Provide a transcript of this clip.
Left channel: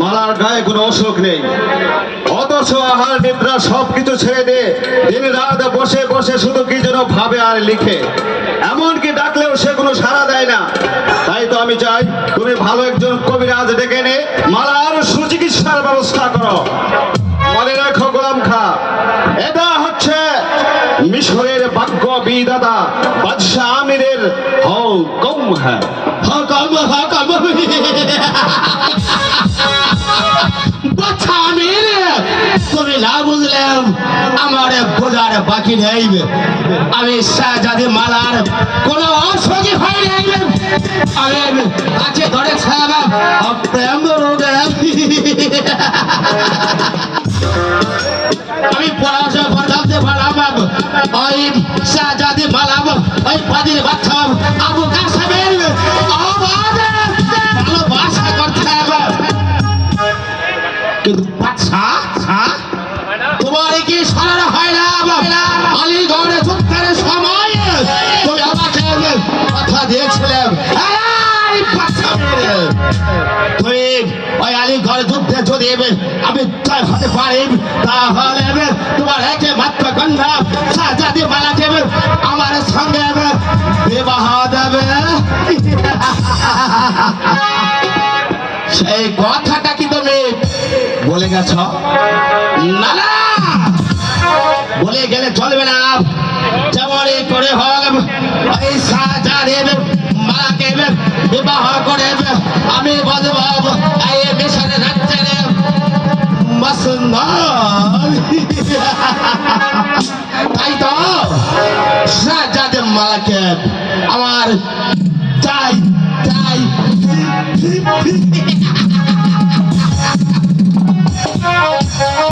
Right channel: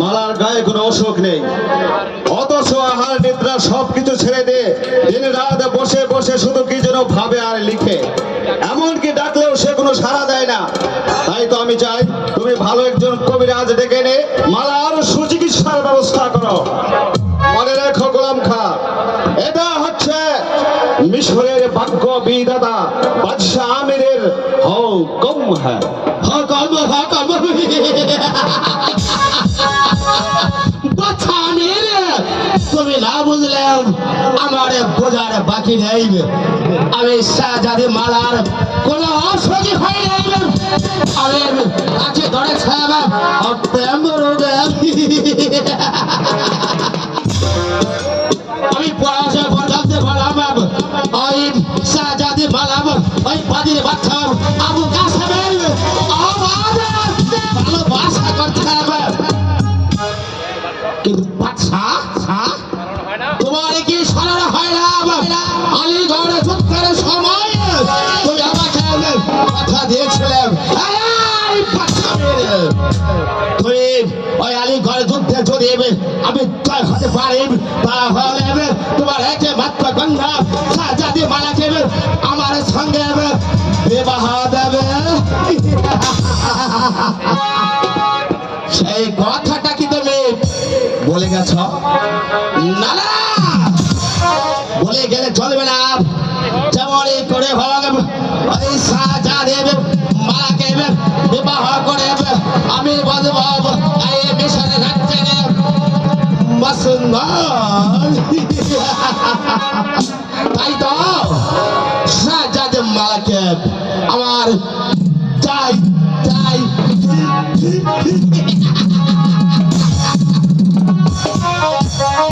মালার গায়ে কোনো অসুখ নেই, অথচ আহার নিদ্রা সবকিছু ছেড়ে দিয়ে দিন রাত বসে বসে শুধু কি যেন ভাবে আর লিখে, এমনকি ডাকলেও সে কোনো সাড়া দেয় না। তাই তো আমি চাই তুমি ভালো একজন কবিরাজ ডেকে এনে মালার সুচিকিৎসার ব্যবস্থা করো। মনে রাখো গোলাম খা, এটা হচ্ছে মিশরের বাক্য বিদাতা বাদশাহ আমিরের হুকুম। হ্যাঁ, হুকুম হুকুম বাচ্চা আমির, তুমি না বুঝলাম আমার বোঝার বাকি নেই। আমি শাহজাদি মালার কোন অসুখী হয় নাই। আমি কাছে ধরে সাহেব প্রেম রোগে আমি পড়াশোনা পড়াতে পারলাম। ওই শাহজাদি মালাম ওই পাদির বাচ্চা আবু কাসেমের ভালোবাসা করতে হবে। কিন্তু বাচ্চা তোমার কি সারা হয় না? আলিগড়ে যুদ্ধের সময় তুমি আমাকে কথা দিয়েছিলাম তুমি ওই আলিগড় যুদ্ধে যদি আমি জয় হতে পারি, তাহলে তোমার একে মাত্র কন্যা শাহজাদি মালাকে আমার সঙ্গে বিবাহ দেবে। সেই কথাটা কি তুমি বলে গেছ? না না, বলে গেলে চলবে না। যেমনই করে হোক ওই শাহজাদি মালাকে বিবাহ করে আমি বলব এই মিশরে রাখতে তাই তো শাহজাদি মালাকে আমার চাই চাই